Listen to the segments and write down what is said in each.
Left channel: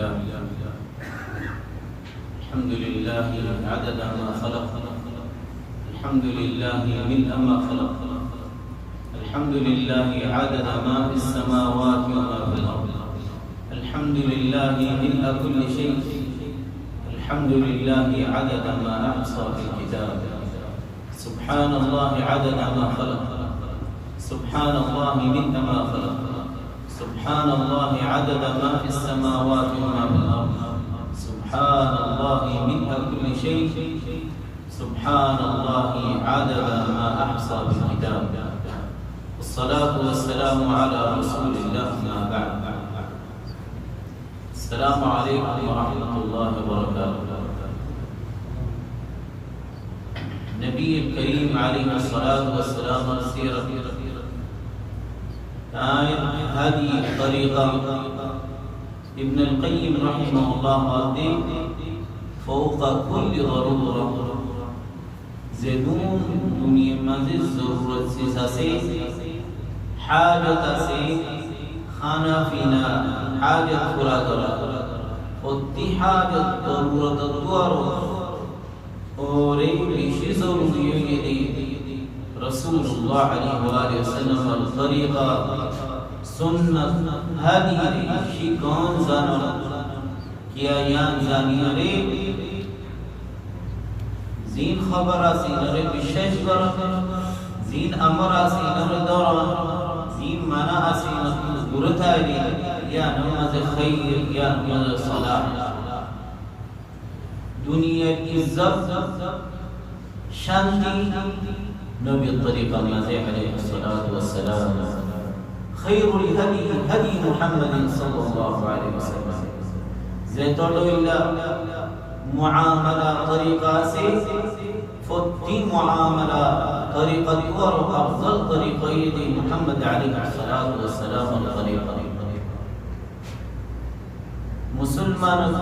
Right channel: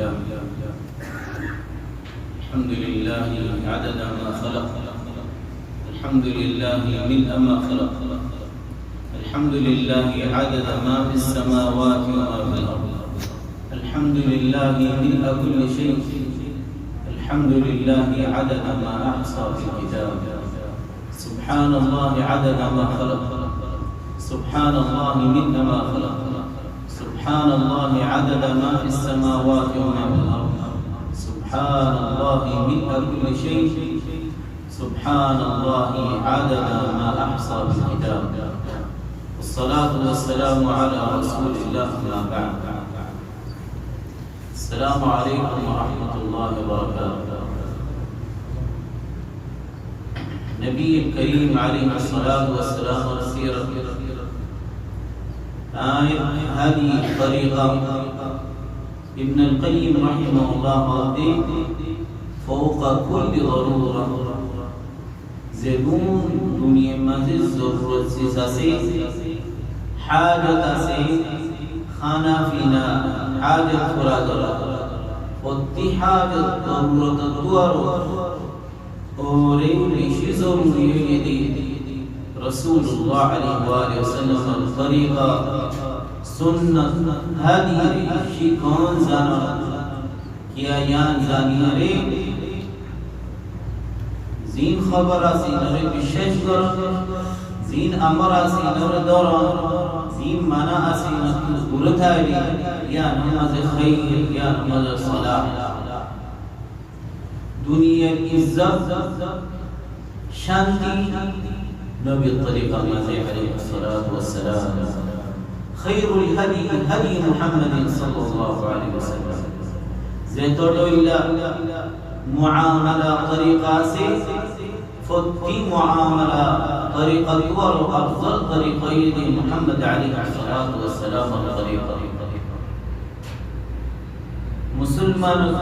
لله الحمد لله عدد ما خلق الحمد لله ملء ما خلق الحمد لله عدد ما في السماوات وما في الأرض الحمد لله ملء كل شيء الحمد لله عدد ما أحصى في الكتاب سبحان الله عدد ما خلق سبحان الله ملء ما خلق سبحان الله عدد ما في السماوات وما في الأرض سبحان الله ملء كل شيء سبحان الله عدد ما أحصى بالكتاب والصلاة والسلام على رسول الله ما بعد السلام عليكم ورحمة الله وبركاته نبي الكريم عليه الصلاة والسلام السيرة هذه الطريقة ابن القيم رحمه الله فوق كل ضرورة زبون دنيا مزيد ضرورت سيساسي حاجة سي خانا فينا حاجة فرادرة وتي حاجة ضرورة الدوار أوري بشي ضروري رسول الله عليه وآله وسلم الطريقة سنة هذه شيكون زانا كيا يان زاني ري زين خبر آسي نري بشش برا زين أمر آسي نري دورا زين منا آسي نري برتا ري يا نماز خير يا نماز صلاح دنيا عزت شانتي نبي الطريقة المسيح عليه الصلاة والسلام خير الهدي هدي محمد صلى الله عليه وسلم زيتولو إلى معاملة طريقة سي فتي معاملة طريقة أفضل طريقة يدي محمد عليه الصلاة والسلام الطريقة مسلمان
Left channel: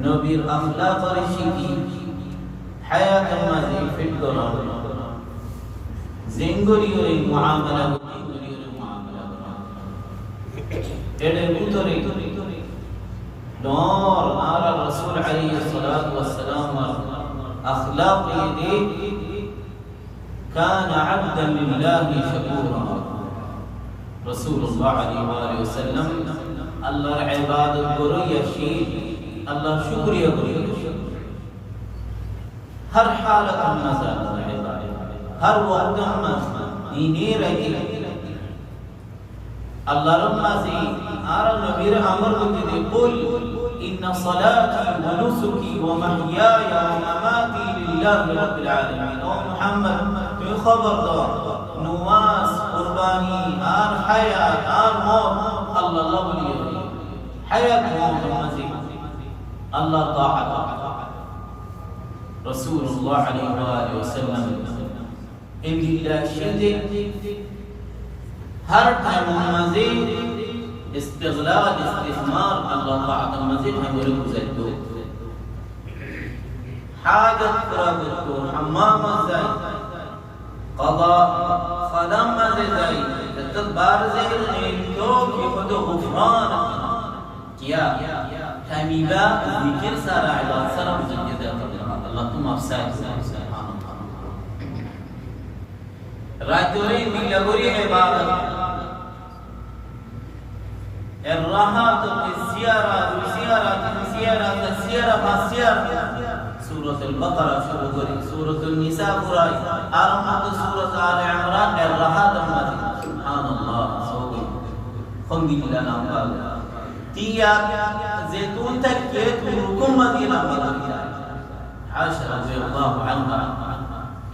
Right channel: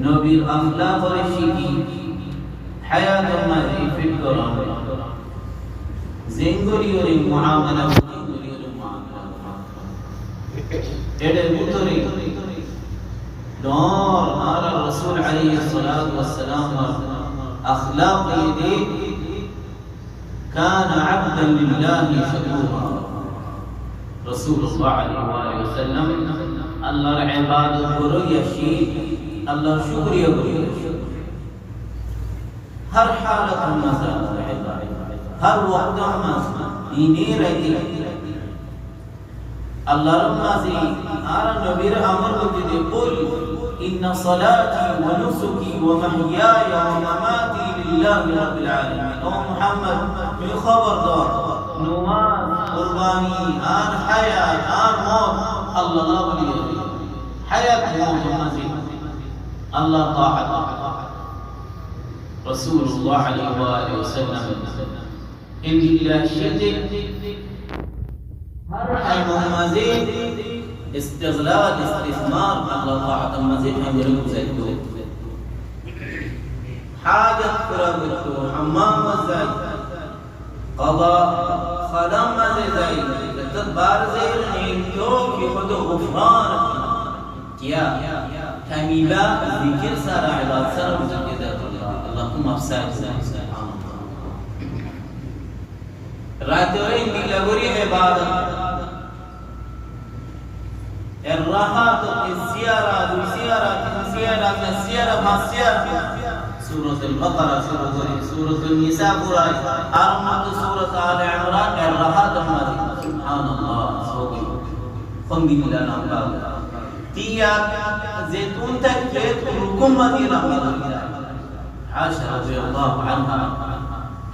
نبي الأملاك رشيكي حياة الماضي في الدولار زنگوري اور معاملة এদের ভিতরে نور على الرسول عليه الصلاة والسلام أخلاقه دي كان عبدا لله شكورا رسول الله عليه وآله وسلم الله عباده بريا شيء الله شكريا بريا हर हालत में नजर रहेगा हर वक्त में दीने रहेगी अल्लाह रब्बासी आरा नबीर अमर को दे कुल इन सलाती व नुसुकी व महयाय व ममाती लिल्लाहि रब्बिल आलमीन ओ मुहम्मद तू खबरदार नमाज कुर्बानी आर हयात आर मौत अल्लाह वली हयात मौत मजीद अल्लाह ताअत رسول الله عليه وآله وسلم إن الله شدك هر time مزيد استغلال استثمار الله طاعة مزيد هنقول زيتو حاجة قرابتو حمام زي قضاء خدم زي تتبار زي نيتو كي خدو غفران كيا تميبا ذكر سارة عباد سلام زجدات اللهم افسد رايتورين بلغوري عبادة الراحة الزيارة سورة البقرة سورة النساء أرمت سورة آل عمران الراحة الماضي سبحان الله سوقي خمدي لنا بابا تيا زيتون تكيت وركم مدينة مدينة عائشة رضي الله عنها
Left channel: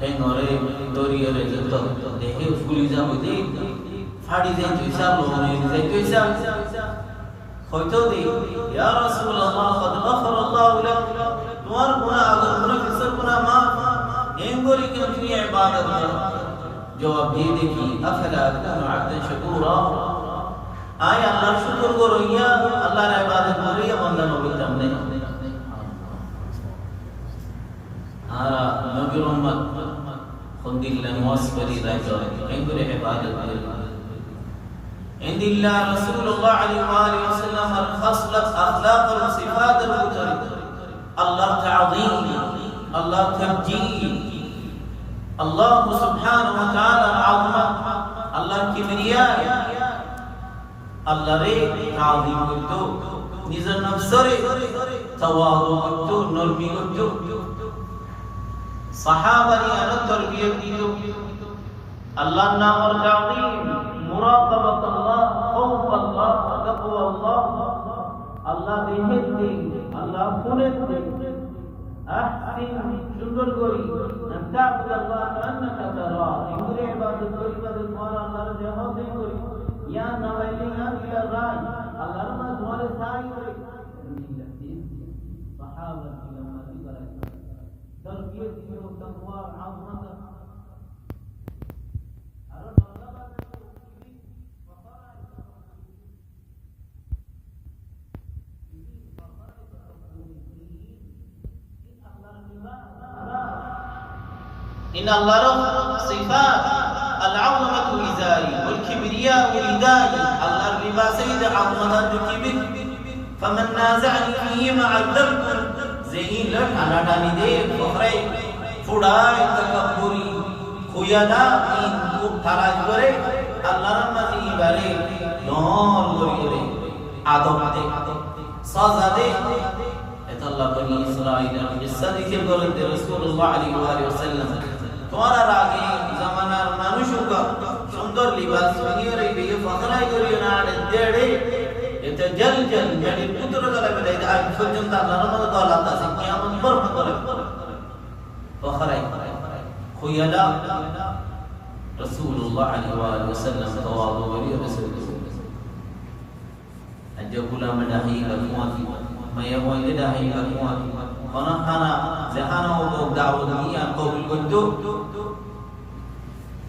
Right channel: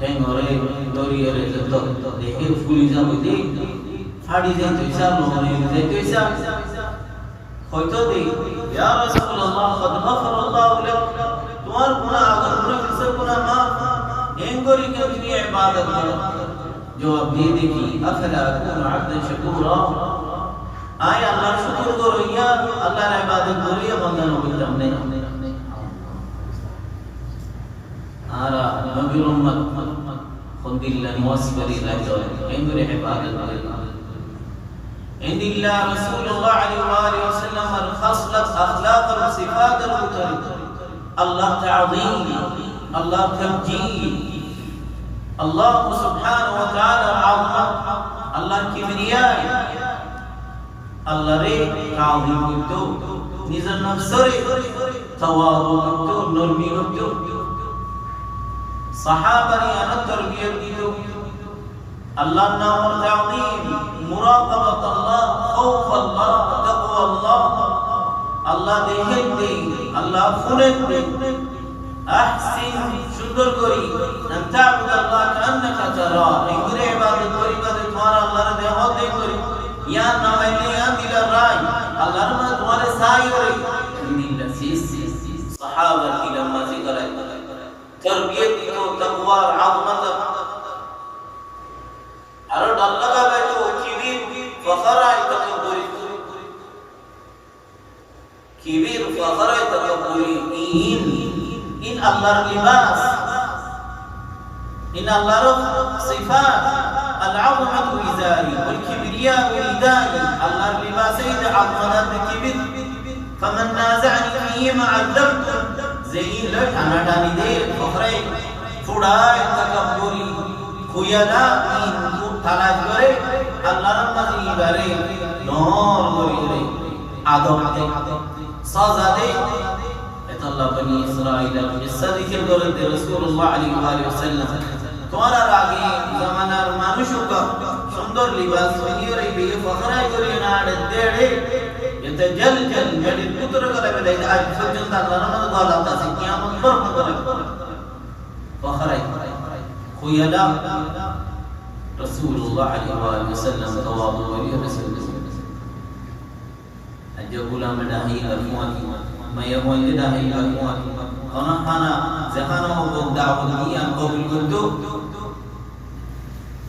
تنوري دوري رزق دهير فوليزا بدي فادي زين تويسا لوني زين تويسا خويتو دي يا رسول الله قد غفر الله لك تمہار گناہ اگر گناہ کسر گناہ معاف اینگوری کے اپنی عبادت میں جواب دی دیکھی افلا اکون عبدا شکورا آیا اللہ شکر کو رویا اللہ نے عبادت کو رویا بندہ نبی تمنے آرا نبی رحمت خند اللہ نواسفری رہتا ہے اینگوری عبادت عند الله رسول الله عليه وآله وسلم الخص اخلاق و صفات البطر الله تعظيم الله تمجيد الله سبحانه وتعالى عظمة الله كبرياء الله ري تعظيم করতো নিজের নফসরে তাওয়াদু করতো নরমি করতো সাহাবারে আনা তরবিয়ত দিত আল্লাহর নাম আর তাওযীম মুরাকাবাত আল্লাহ খাউফ আল্লাহ তাকওয়া আল্লাহ আল্লাহ দেখতে আল্লাহ ফুরেতে আহসিন সুন্দর করি আনতাবুদ আল্লাহ কান্নাকা তারা ইংরে ইবাদত করি বাদে তোমার আল্লাহর দেহতে করি ইয়া নাওয়াইলে ইয়া দিলা রাই আল্লাহর মা তোমারে সাই করে দিল্লা সিস সাহাবা কি লম্মা জিকর তরবিয়ত দিতো তাকওয়া আযমত আর আল্লাহ কা বাইতো কিবির ফখরাই তাকবুরি কিবির ফখরাই তাকবুরি إن الله لباس إن الله صفات العظمة إزاري والكبرياء ردائي الله لباس إذا عظمت الكبر فمن نازعني فيهما عذبت زين لك أنا داني دي فخري فداي تكبري خيالا إن تلاش بري الله رمزي بري نور بري عدم دي سازا دي আল্লাহ বনি ইসরাঈলের কিসসা যিকির করেন রাসূলুল্লাহ আলাইহি ওয়াসাল্লাম তোমার আগে জামানার মানুষকে সুন্দর লিবাস পরিয়ে বিয়ে ফখরাই করিও না দেড়ে এতে জল জল গড়ির পুত্র গলা বেলাই আজ পর্যন্ত আল্লাহর মত দলাত আছে কিয়ামত পর করে ফখরাই খুয়ালা রাসূলুল্লাহ আলাইহি ওয়াসাল্লাম তাওয়াদু করিয়ে রাসূলুল্লাহ আজ গোলাম ডাহি আলফাতি মায়া বইলে দাহি আলমত খানা জাহানা ও দাওয়াত নিয়ান কবুল করতো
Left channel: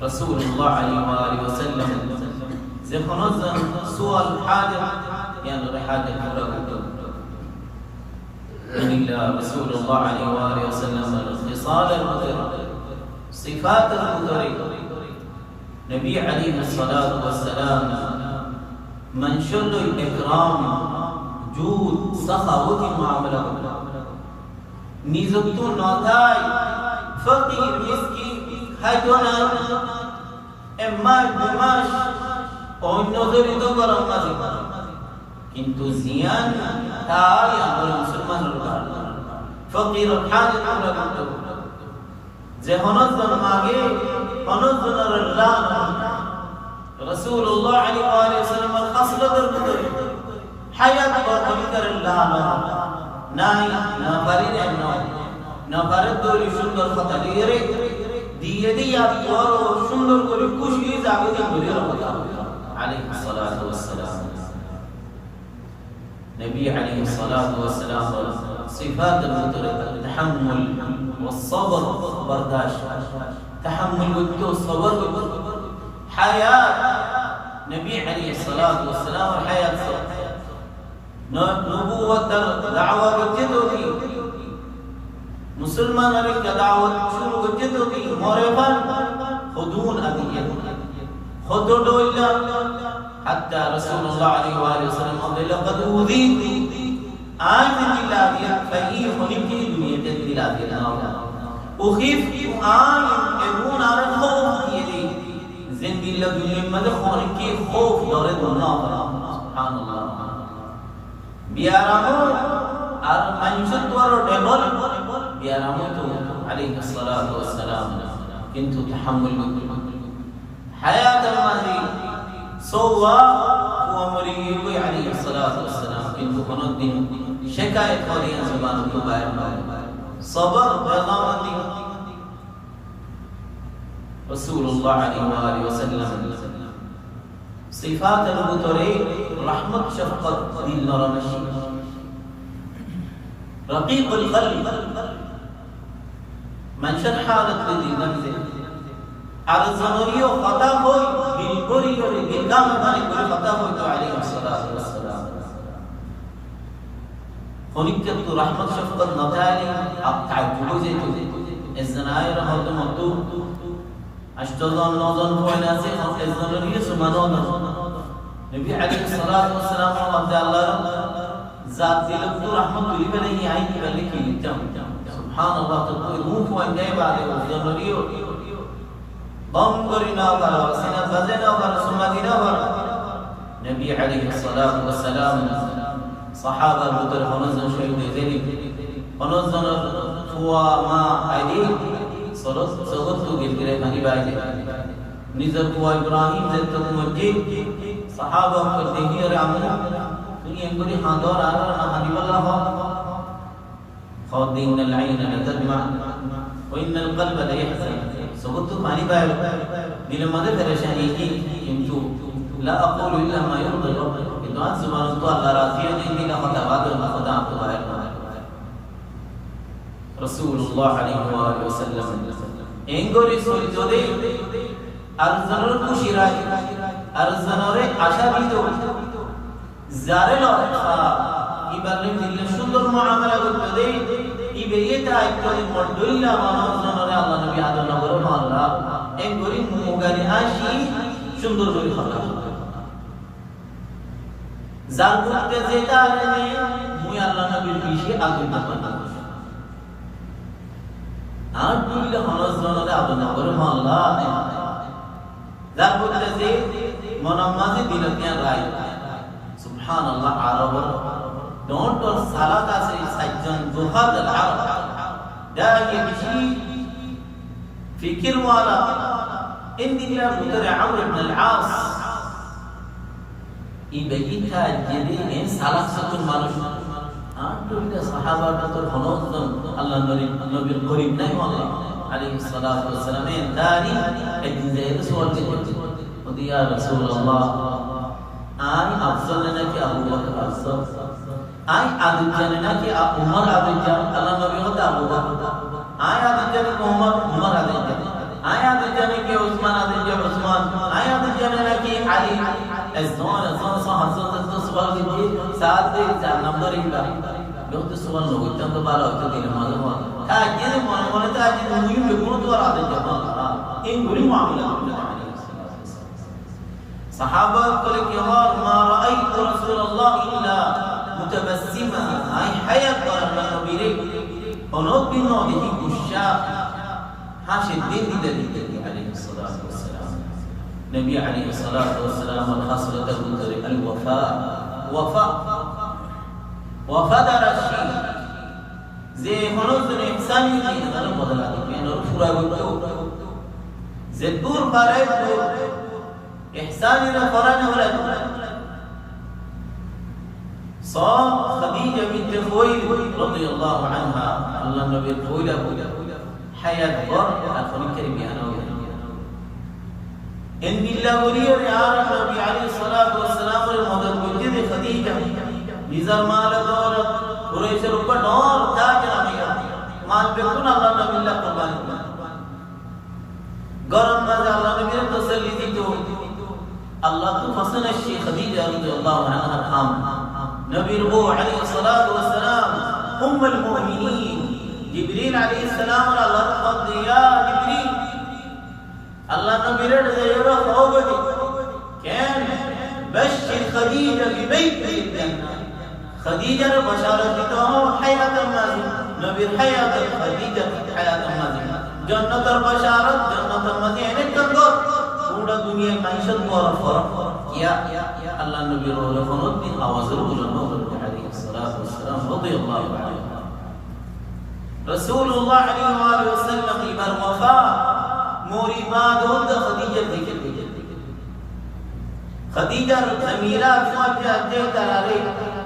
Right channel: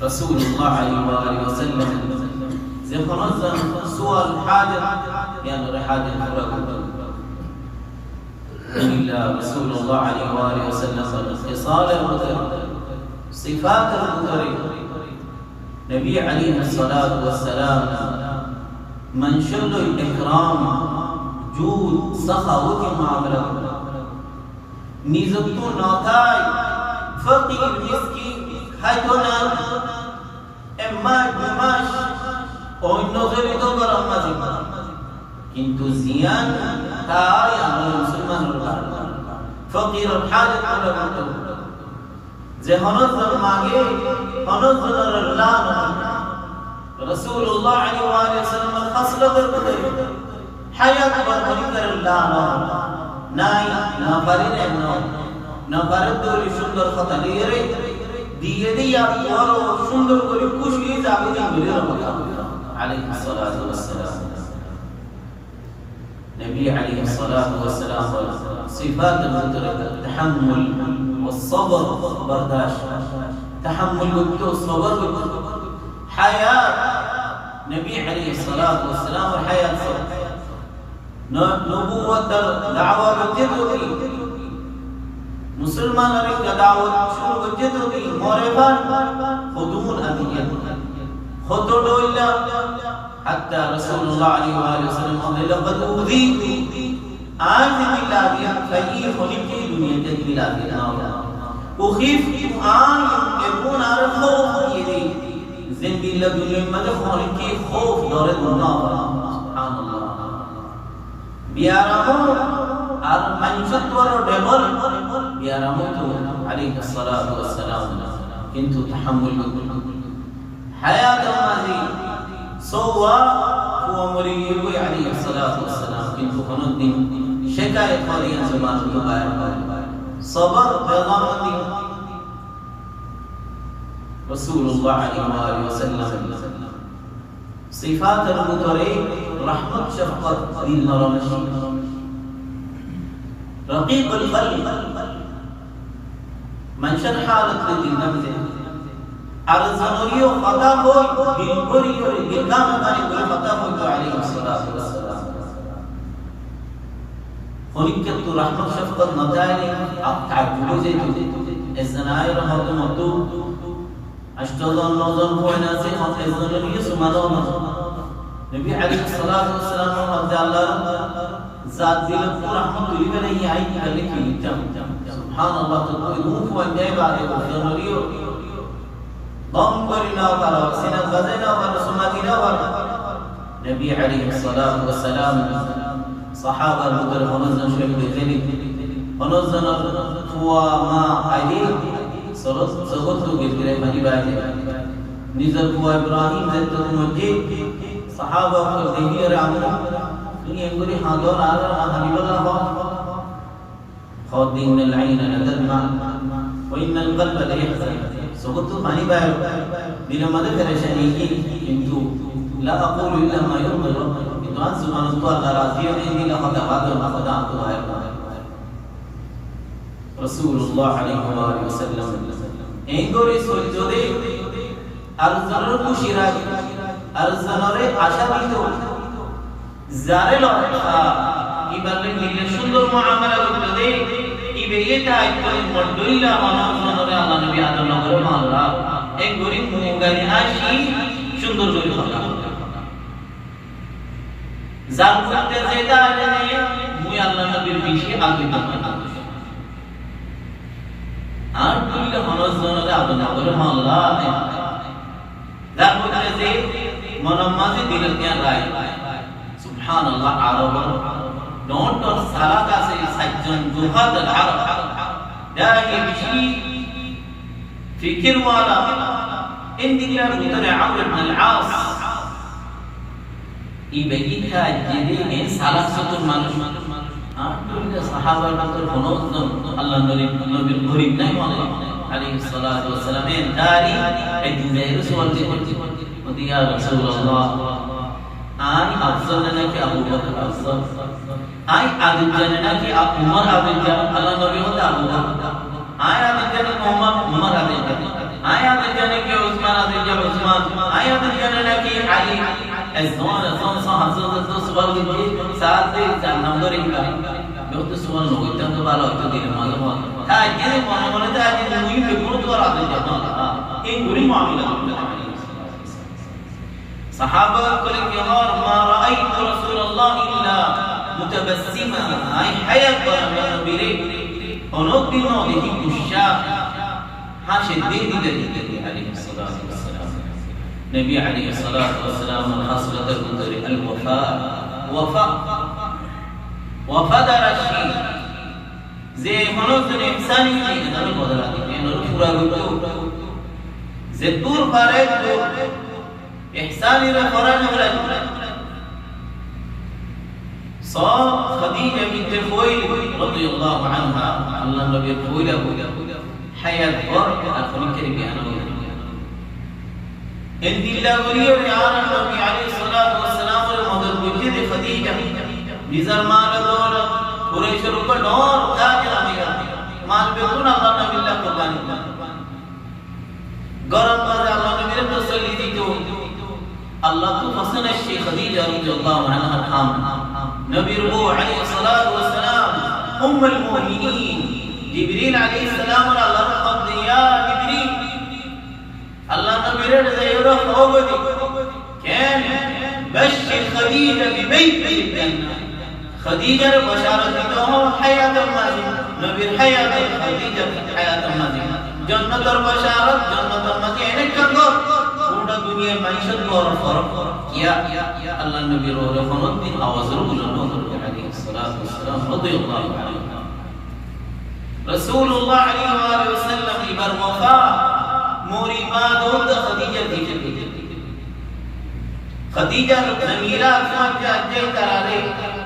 রাসূলুল্লাহ আলাইহি ওয়াসাল্লাম যখন সুয়াল হাজাত يعني حاجه পুরা করতো ইল্লা রাসূলুল্লাহ আলাইহি ওয়াসাল্লাম খিসাল al-mutar صفات al-mutar নবী আলাইহি الصلاه والسلام منشل الاكرام جود سخاوت معاملہ নিযুক্ত নথায় ফকির মিসকিন খাইতো না এমাস দুমাস অন্য জড়িত গরম মাঝে কিন্তু জিয়ান তাই আমরা মুসলমানের ফকির হাজত করতো যে হনজন মাগে হনজনের আল্লাহ রাসূলুল্লাহ আলাইহি ওয়াসাল্লাম খাসলত করতে হায়াত বরকতের আল্লাহ নাই না পারি না পারে দৌড়ি সুন্দর কথা দিয়ে রে দিয়ে দিয়া বড় সুন্দর করে খুশি যাবে বলে রহমত আলাইহিস সালাতু ওয়াস সালাম নবী আলাইহিস সালাতু ওয়াস সালাম صفات المترك التحمل والصبر برداشت تحمل والصبر حياه نبي عليه الصلاه والسلام حياه নবুয়ত দাওয়া করতে হতি মুসলমানের দাওয়াত শুরু করতে হতি মরেফান হুদুল আদিয়াত হুদুল্লাহ হাত্তা রাসূলুল্লাহ আলাইহি ওয়াসাল্লাম বলেন লাকাদ উযীতু আজ বিলাদিয়াত ফাই খলিকি দুনিয়াতে বিলাদিয়াত না উখিফ আন ইয়াকুন আর খৌফ দিয়ে জিন্দিল্লাহ দুনিয়ার মধ্যে খলিকি খৌফ ডরে না সুবহানাল্লাহ বিয়ারামো আর মানুষের তোর ডবল বিয়ারামো তো আলাইহিস সালাতু ওয়াস সালাম কিন্তু তাহাম্মুল করতে হায়াত মাঝি সোয়া ও মরিয়ম আলাইহিস সালাতু ওয়াস সালাম কিন্তু কোনদিন শিকায়ত করিয়া জবান তো বাইরে সবর বেগামতি রাসূলুল্লাহ আলাইহি ওয়াসাল্লাম صفات المترك رحمة شفقة دين نرمشي رقيق القلب من شرح حالة لدي نمزه أرزنوريو خطا ہوئی بالبری اور بالکام ہماری کوئی خطا ہوئی تو علیہ السلام خونکت تو رحمت شفقت نتائلی اب تعجبو زیتو ازنائی رحمت مطلوب اشتظن نوزن فویناسی خط ازنوری سمانون نبی علیہ الصلاة والسلام عبد الله জাত দিলে তো রহমত তুলিবে না আই কি বলে কি নিতাম সুবহানাল্লাহ তো তুই রূপ হয় দেয় বাদে জনরিও বম করি না বারো সিনা বাজে না বারো সুনাদি না বারো নবী আলাইহিস সালাতু ওয়াস সালাম সাহাবার মধ্যে হনজন শহীদ হয়েছেন হনজনের ফুয়া মা আইদি সরস জগৎ গিরে পানি বাইরে নিজের ফুয়া ইব্রাহিম যেত মধ্যে সাহাবা কে দেখি আরে আমু তুমি এঙ্গরি হাদর আর হানিবাল্লাহ খাদিনাল আইন নাদমা ওয়া ইন্নাল কলবা লা ইয়াহজান জগৎ পানি বাইরে দিল মধ্যে পরেশানি কি কিন্তু লা আকুলু ইল্লা মা ইরদি রাব্বুক কিন্তু আজ সুবহান আল্লাহ রাজিয়া নেই দিলা কথা বাদর না খোদা তো হয় রাসূলুল্লাহ আলাইহি ওয়াসাল্লাম এঙ্গরি সৈয়দে আরজানের খুশি রাখি আরজানরে আশা দিত যারে লখা ইবালে দিলে সুন্দর মুআমালা করতে দে ইবে এটা আইতই মডুল্লা মানজনরে আল্লাহ নবী আদম নগরে মালরা এঙ্গরি মুগানি আসি সুন্দর করে কথা জান করতে যেটা আলে মুই আল্লাহ নবীর বেশি আগুন না আর দুইটা হনজনরে আদম নগরে মালরা জান করতে যে মনামাজি দিলে কে রাই সুবহানাল্লাহ আরব ডন্ট অর সালাত আছে সাইজন দুহাদ আরব দায়ে বেশি ফিকির ওয়ালা ইন্দিলার ভিতরে আমর ইবনে আল-আস ইবেইতা জেদি এ সালাত সতুর মানুষ আর দুইটা সাহাবার ভিতর হনজন আল্লাহ নবীর গরীব নাই বলে আলাইহিস সালাতু ওয়াস সালাম এর দারি একদিন যে রাসূল কে ইয়া রাসূলুল্লাহ আই আফজল নাকি আবু বকর আফজল আই আদিল জানে নাকি উমর আদিল জান আল্লাহ নবী হতে আবু বকর আই আদিল জানে উমর আদিল জান আই আদিল জানে কি উসমান আদিল জান উসমান আই আদিল জানে নাকি আলী আজওয়ান সাহাবাত সুবহান দিকে সাত দে চার নম্বর ইনকা যত সুবহান লইতা তো ভালো হইতো দিনে মালুম তাই যে মনে মনে তাই যে মুই বেগুন তো আদিল জান এই গরি মামলা সাহাবা বলে কি আমার মা রাআইতু রাসূলুল্লাহ ইল্লা মুতাবাসসিমা আই হায়াত বলা নবীরে অনুদিন দেখি গুশা হাসে দিতে আলাইহিস সালাতু ওয়াস সালাম নবী আলাইহিস সালাতু ওয়াস সালাম খাসলাতুল মুদরি আল ওয়াফা দারাশি যে মনোজন ইহসানি জিনে বদলা দিতে নর পুরা গতো যে দূর পারে তো ইহসানি রে ফরান হলা সা খাদিজা বিনত খুয়াইলিদ রাদিয়াল্লাহু আনহা আল্লাহ নবীর খুয়াইলা হায়াত বর আর খনিকের জ্ঞান ইনদিল্লাহ ওলিও আর নবী আলাইহিস সালাতু ওয়াস সালাম এর মদর বুঝে দে খাদিজা নিজের মাল দৌলত কুরাইশের উপর নর কাজ লাগা মাল বেগুন আল্লাহ নবীল্লাহ কুরবানি গরম বাজে আল্লাহ নবীর তসল্লি দিত আল্লাহ তো ফসন শেখ খাদিজা রাদিয়াল্লাহু আনহা খাম নবীর রূহ আলাইহিস সালাতু ওয়াস সালাম উম্মুল মুমিনিন জিবরিল আলাইহিস সালাম আল্লাহ কদ ইয়া জিবরিল আল্লাহ নবীর যায়রা খাওগদি কেন বশর খাদিজা বিবাইত ফিল জান্নাহ খাদিজার বশারত দিতে হো হায়াতুল মাজি নবীর হায়াত খাদিজা হায়াতুল মাজি জান্নাতের বশারত জান্নাতের মাজি অনেক কঙ্গ পুরো দুনিয়ায় মাইশত বড় ফরক কিয়া আল্লাহ নবীর ওরে কোনদিন আওয়াজের বুলন্দ আলাইহিস সালাতু ওয়াস সালাম রাদিয়াল্লাহু আনহু রাসূলুল্লাহ আলাইহি ওয়াসাল্লাম ইবার ওয়াফা মরিমা দোদ খাদিজা দিকে খাদিজার জামিলা ফাজা জয় তারারে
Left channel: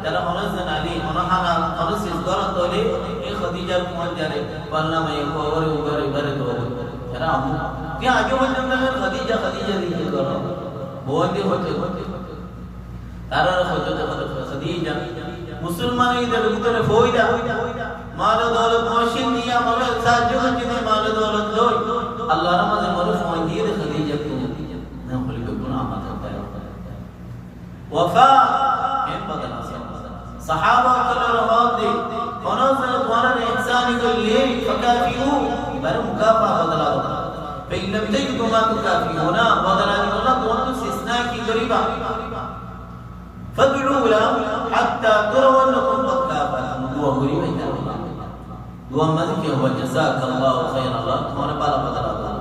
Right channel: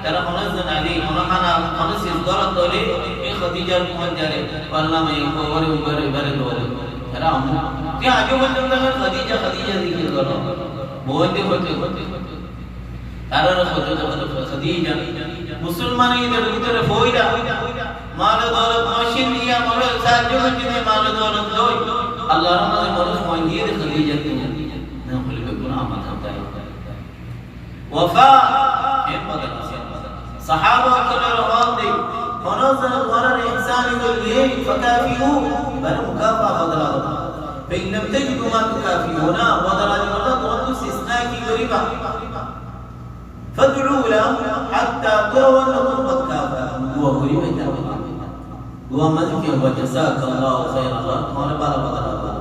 তারা হনজন আলী হনহানা হনসিস গরত দলে এই খাদিজার মুহাজ্জারে পাল্লা মে ওরে ওরে বারে দলে তারা আমু কে আগে পর্যন্ত খাদিজা দিকে গলো বইতে হতে তারা হতে খাদিজা মুসলমানদের ভিতরে ফয়দা মাল দৌলত মশিন নিয়া মরে সাহায্য করতে মাল দৌলত লই আল্লাহর নামে মরে সময় দিয়ে খাদিজা তো না বলে কোন আমল করতে وفاء هم بدل صحابه كانوا راضي فنزل قرار احسان ذليه فكافئوه بل مكافاه بدل هذا فان لم تجدوا ما تكافئون بدل هذه والله قلت استثناء کی غریبا فادعوا له حتى تروا أنكم قد كافأتم دعا করি এটা দোয়া মানে কি হবে জাযাকাল্লাহু খাইরান আল্লাহ তোমার ভালো বদলা দাও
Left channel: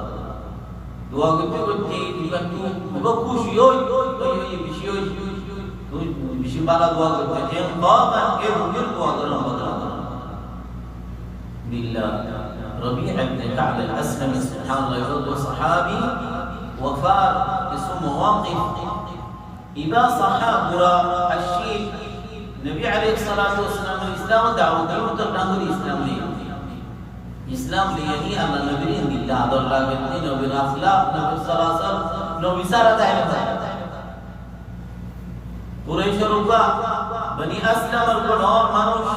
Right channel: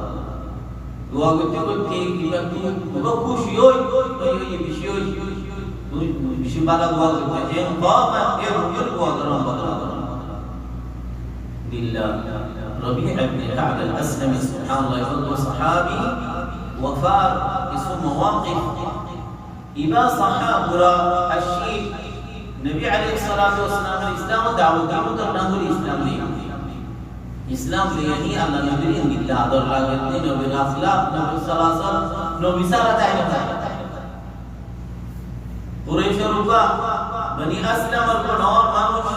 দোয়া করতে করতে কিন্তু পুরো খুশি হই এই বিষয় তুই বেশি ভালো দোয়া করতে এম বাবা এ মুমির দোয়া করো বদলা দাও বিল্লাহ ربيع بن كعب الأسلمي سبحان الله يقول صحابي وفار اسم مواقف إذا صحابنا الشيء النبي عليه الصلاة والسلام الإسلام دعوة قيمة النهر الإسلام لي إسلام ليني أن نبي بالله هذا الراجل نبي الأخلاق نبي السلاسل نبي سارة تعلمها قريش ربا بني أسلم القنور مانوش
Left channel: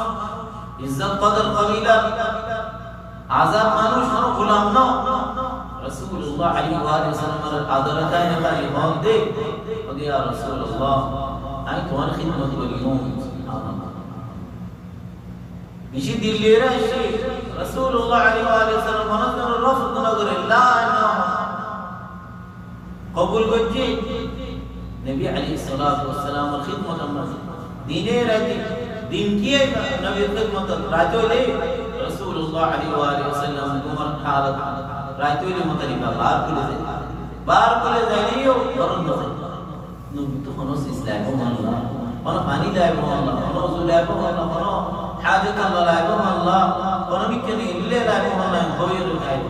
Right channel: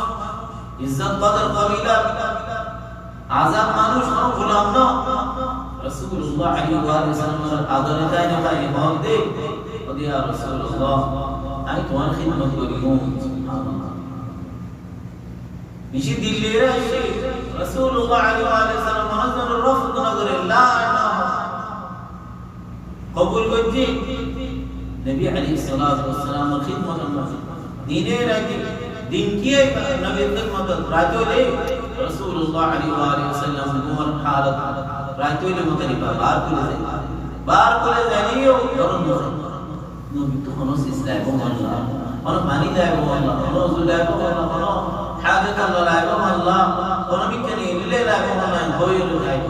عزت قدر قبيلة عذاب مانوش غلام نو رسول الله عليه وآله وسلم الحاضرة كان بايقون دي ودي يا رسول الله أي توان خدمة اليوم سبحان الله مشي دلي راشي رسول الله عليه وآله وسلم ونزل الرفض نظر الله أنه قبول قجي نبي عليه الصلاة والسلام الخدمة ديني راجي دين كيه نبي الخدمة راجو ليه رسول الله عليه وآله وسلم عمر حالة راجو ليه مقربا بار كل ذليو ضرن مزي نبي تخنص إسلام الله أنا باني لا يبغى الله أنا زول لا يبغى الله أنا حاجة الله لا يبغى الله أنا بكني اللي لا يبغى الله ينقوي الرجال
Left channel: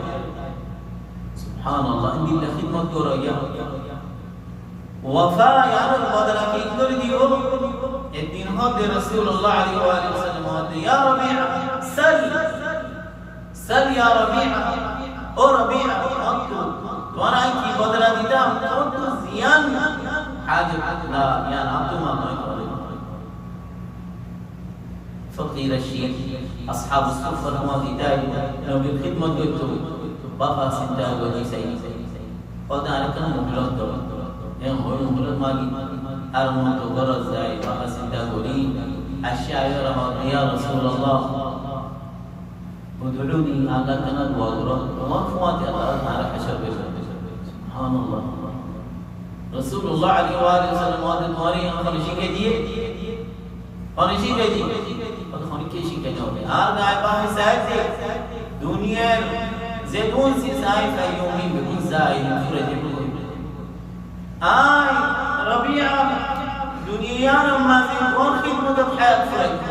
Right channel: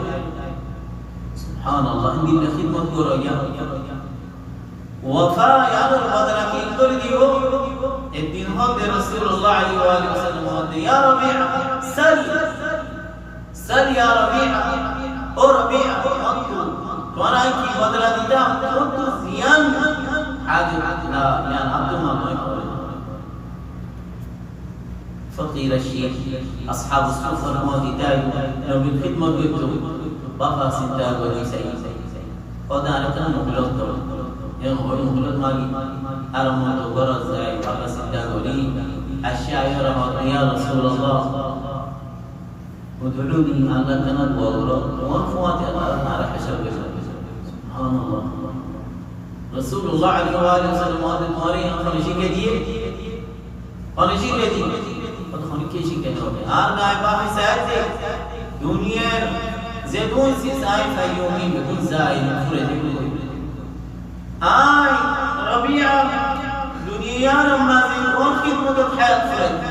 سبحان الله إن دين خدمة كوريا وفاء يا رب بدر كي كل ديو الدين هذا رسول الله عليه وآله وسلم يا ربيع سل يا ربيع أو ربيع أنتو وانا كي بدر ديتا أنتو زيان حاجة لا يعني أنتم ما فقير الشيخ أصحاب الصفة المواتيتاي نبي الخدمة قلتو بقى سنتا قولي سيد ودانا كان مهلوك قولي يعني هو المهلوك مالي أرمان تغرز زي بقى سنتا قولي الشاعر يا رسول الله ادعوني الله كان الوغرة ومرفواتي الله على حشر بخير سبحان الله رسول الله عليه وآله وسلم هذا تمہاری خارجی کے دیے خارجی کے دیے اور خارجی کے شی کہنا ہوتے آر نائبہ میں سائد دے دنیا زیدون سی سائد ایومی بکن زائد فرد بکن آئی ربیعہ دنیا نما زیدون خدمت خیال فرد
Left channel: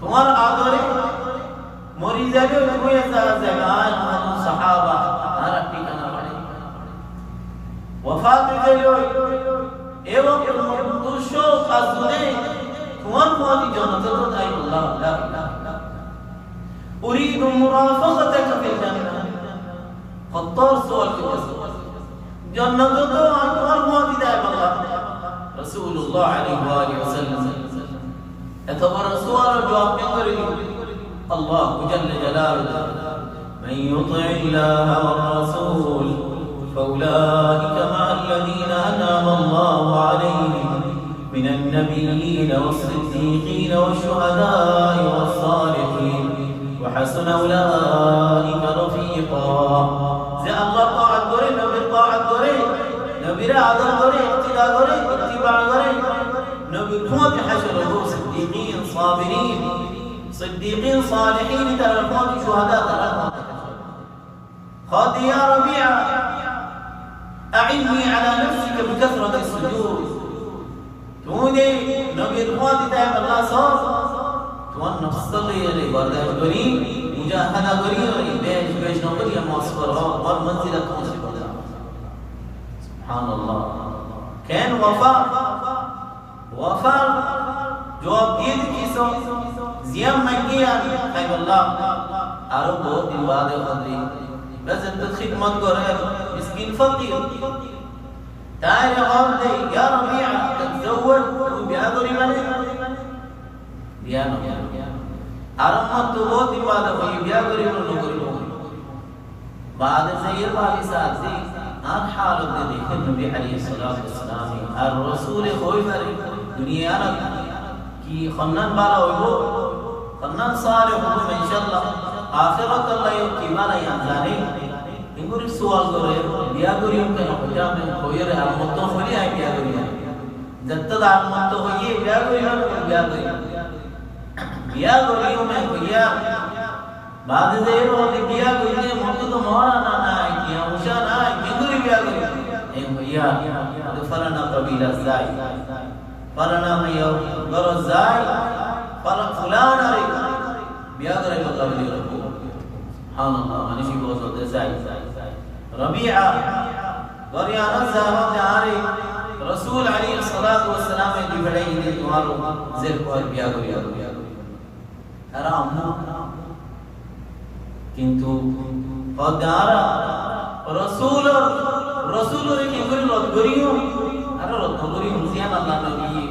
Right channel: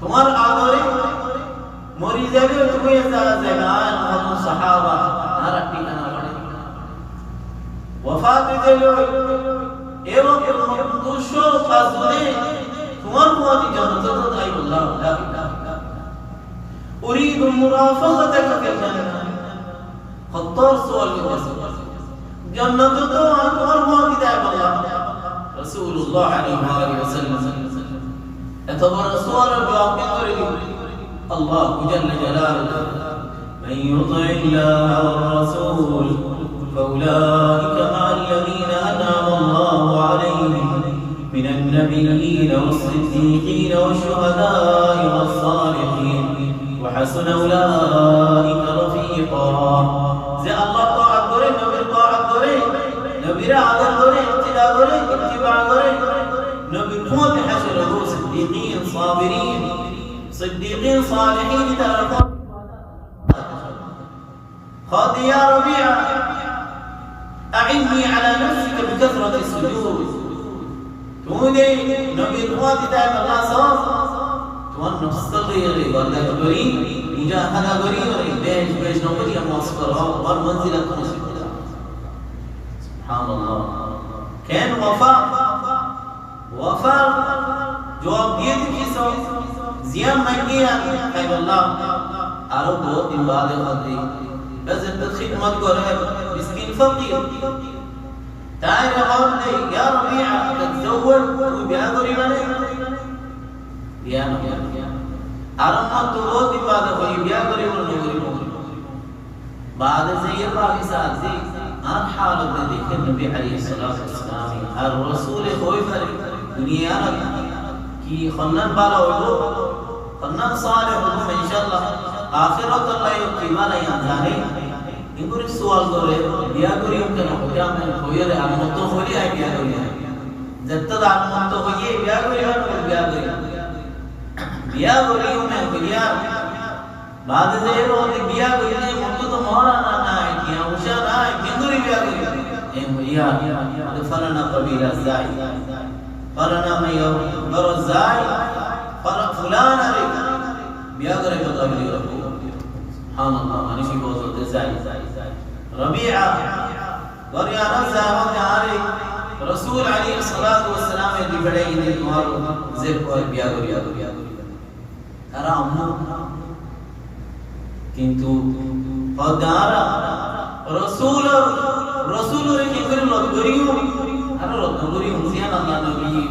تمہار آدھورے مریضہ بھی اتوئی زیبان وطن صحابہ نارک بھی کنا وفات دلوي ايوه المقدوشو قازوني كمان مواتي جنة تدعي الله لا إله أريد مرافقتك في الجنة خطار سؤال الجسد جنة تدعي كمان مواتي دعي الله رسول الله عليه وآله وسلم اعتبر سؤال جواب من الله جل جلاله من يطع الله والرسول فأولئك مع الذين أنعم الله عليهم من النبيين والصديقين والشهداء والصالحين وحسن أولئك رفيقا زي الله طاعة غري نبي طاعة غري نبي رعد غري اتباع غري اتباع غري نبي قوة حشره صديقين صابرين صديقين صالحين تركون شهداء خذ يا ربيع أعني على نفسك بكثرة السجود توني نبي الوادي دائما الله صار توان نصلي يلي بردك قريب مجاهدة قريب بيش نوبري المعصفر والمنزلة مصيبة سبحان الله كان وفاء جواب ديه كيسو زيان مانگيا خيب الله عرب بہت دن بعد خدري بس انت خدمت قرأ مسكين فقير تعال قول لي يا ربيع تتزوج وبيعذري منه يا نبي أرمت تقول بعد خوي بيعذري منه بعد زي البابي سازي أن حالة ذيك النبي عليه الصلاة والسلام الرسول خوي بري دنيا نبي كي خنن بالا ويبو خنن صالح ويبو إن شاء الله آخرت الله يقيمنا يانزاني إنكم سؤال كره بيا كريم كنا بيا من خوير أمتو خوي أي بيا كريم جت تدار أمتو خوي بيا كريم বিয়া করিও মে বিয়া বাদ দে ওতে বিয়া করিলে মতো তো মহারানা নাই কি উষা নাই কেন্দুরি বিয়া করি এ বিয়া ফালানা কবিলা যাই ফালানা মাইয়া গরজ যাই ফুলান আরে বিয়া করে কবলি রাখো সুবহানাল্লাহ মানিশি বলতে যাই রবিআ গরিয়ানা সাহাবা আরে রাসূল আলাইহিস সালাতু ওয়াস সালাম এ দিবড়ে ইনি তোমারো জেব কর বিয়া করিয়া তারা আম্মু কিন্তু পদারা রাসূল কে করে লত করিও আর লত করিও সিয়ান আল্লাহ নবী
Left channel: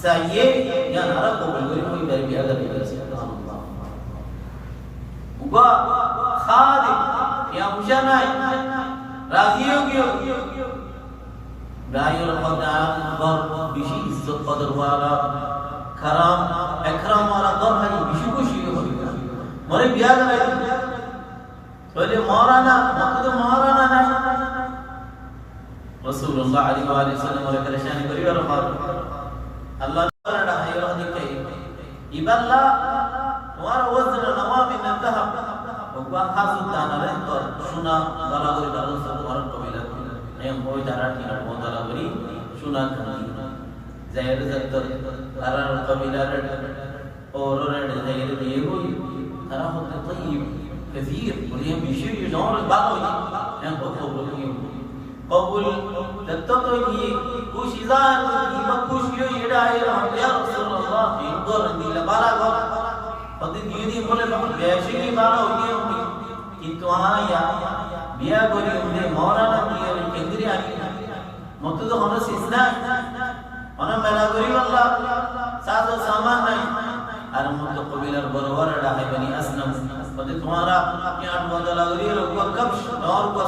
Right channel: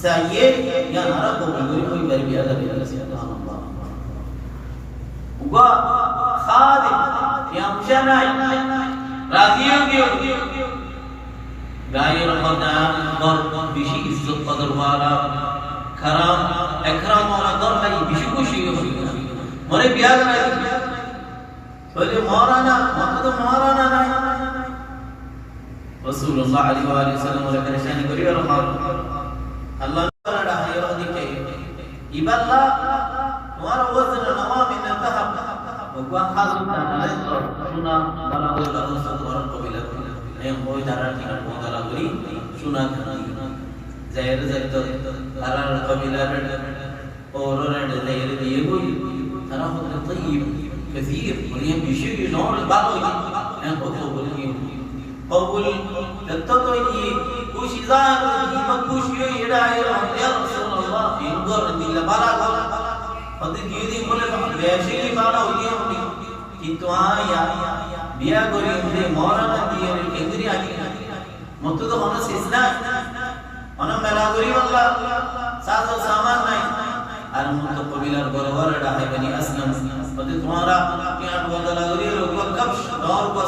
সাইয়ে ইয়া নারা কবুল করিও বার বিয়া করিয়া সুবহানাল্লাহ উবা খাদিম ইয়া মুশানাই রাজিও দিও গায়ের খোদা গর বেশি ইজ্জত কদর ওয়ালা کرام اکرام والا دور ہے بیشو خوشی ہوئی مورے بیاہ کرائی بولے مولانا وقت مولانا نہیں رسول اللہ علیہ وآلہ وسلم اور پریشانی کری اور اللہ نے رہا ہے اور دیکھے ایبا اللہ تمہارا وزن نوام انتہا وقوان حاضر دانا لے اور سنا بنا کوئی برنو سے تمہارا قبیلہ ایم ہوئی جارا ٹھیکا بہت اللہ کری سنا کھنی زہر زہر ترى القبيلة أورد زهير ديهوي ترى هذا طيب كثير وليهم بشيء نور الباقي يعني قبول تتطوي كوش زار ما كوش يدعي يا رسول الله ينظر عندي لبارا قد يدي بولے ویشی بارا ہوئی কিন্তু আয়া বিয়া করি উনি মরানা দিয়ে কেন্দ্রে আগে মত তো হলো সিসনা অন মেলা করি আল্লাহ সাজো সামান নাই আর মত কবিলার বরবর ডাহে বনি আসলাম বলে তোমারা কিয়ান বদলা করি রোগ কবশ নর কো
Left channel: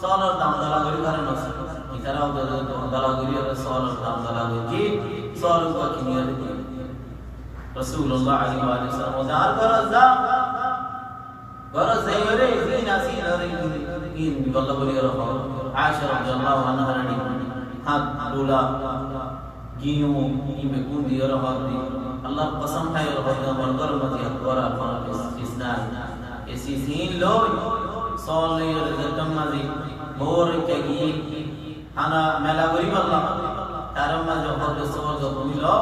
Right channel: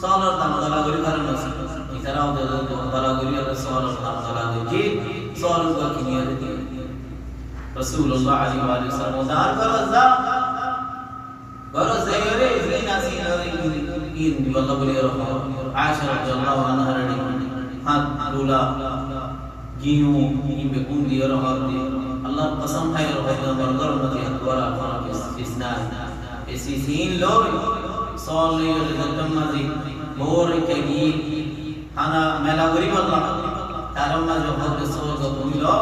সালার দাম দলা করি কারণ আছে ইতারাও দলা করি আর সালার দাম দলা করি কি সাল কো কিনিয়া দি রাসূলুল্লাহ আলাইহি ওয়া সাল্লাম দার করজা বরজেরে জিনা রে ইন বল্লা বলি আর আয়েশা রাদিয়াল্লাহু আনহা রে হাত দুলা গিনু ইমে কুন্দি আর হাদি আল্লাহ কসম है और हद बरदर मति अकबरा फरक इस्नाद ऐसी सीन लोई सोले रदम मति मोर के गी हाना मेला गरी अल्लाह तारमा जो हद सोल जो बुलो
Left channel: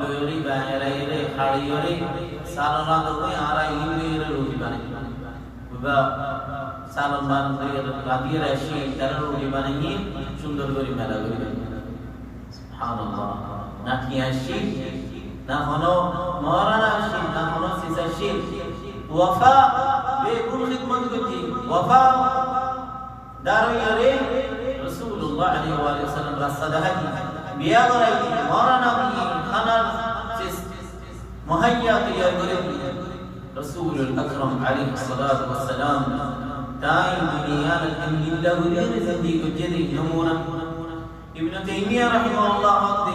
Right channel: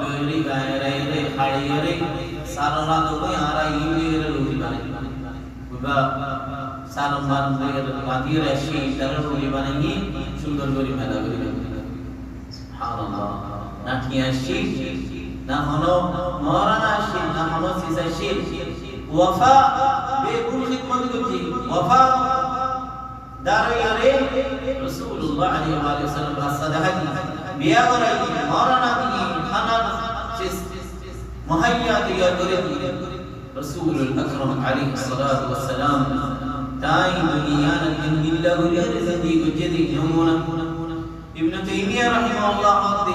लोरी बायरे रे खाड़ी रे सारना तो कोई आरा इले रे रोटी बने बुबा सालम बान रे राती रे शी तर रोटी बनेगी सुंदर गरी मेला गरी सुभान ना किया शी ना होनो मौलाना शी ना होनो सीसा शी वफा बेकुल खिदमत की वफा दारे रसूलुल्लाह अलैहि वसल्लम का सदाहती बिया कराई मौलाना की खाना मुहैया तैयार करेगी रसूल अकरम अलैहि सल्लल्लाहु अलैहि वसल्लम ताई दुनिया ने दिल्ला गुरिया जिंदगी जदी नमूना ابن تيميه رحمه الله قال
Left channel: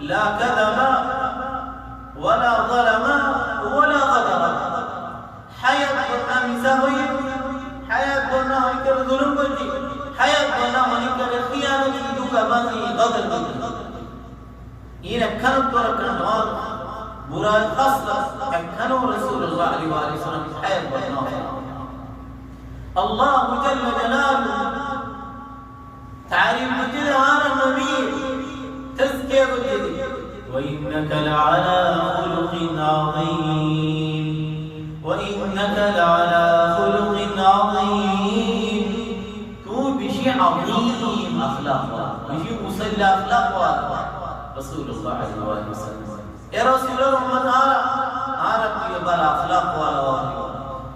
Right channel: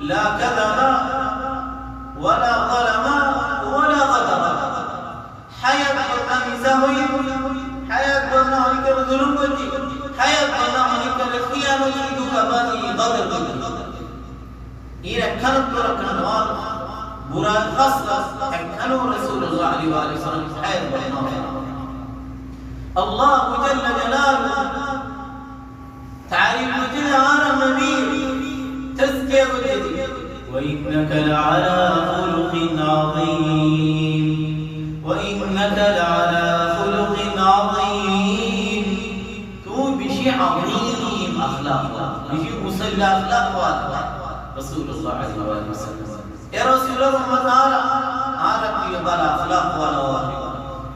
لا كذب ولا ظلم ولا غدر حياة أمزاوي حياة بنا هنيك الظلم بدي حياة بنا هنيك الخيانة دوكاباني غدر إذا كانت بركة نوار برا خاصة كانوا رسول الله عليه وآله وسلم حياة بنا الله جل جلاله تعريف مجد على النبي تزكية مجد وإنك لعلى خلق عظيم وإنك لعلى خلق عظيم تو بشيء عظيم أخلاق بشيء مصلى أخلاق رسول الله عليه وآله وسلم يا رسول الله تعالى عارف يبال أخلاق ولا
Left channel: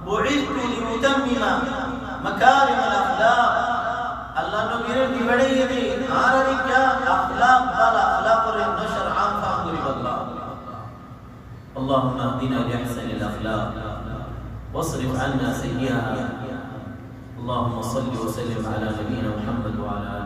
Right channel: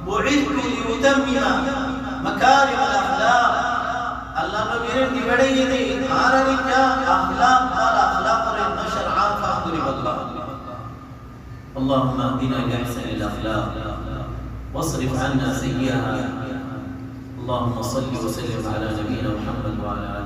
بعثت لأتمم مكارم الأخلاق الله نبيره की बड़ी ये आरनी क्या अखलाक वाला अखलाक और नशर आम फाहमी बदला اللهم اهدنا بأحسن الأخلاق واصرف عنا سيئها اللهم صل وسلم على نبينا محمد وعلى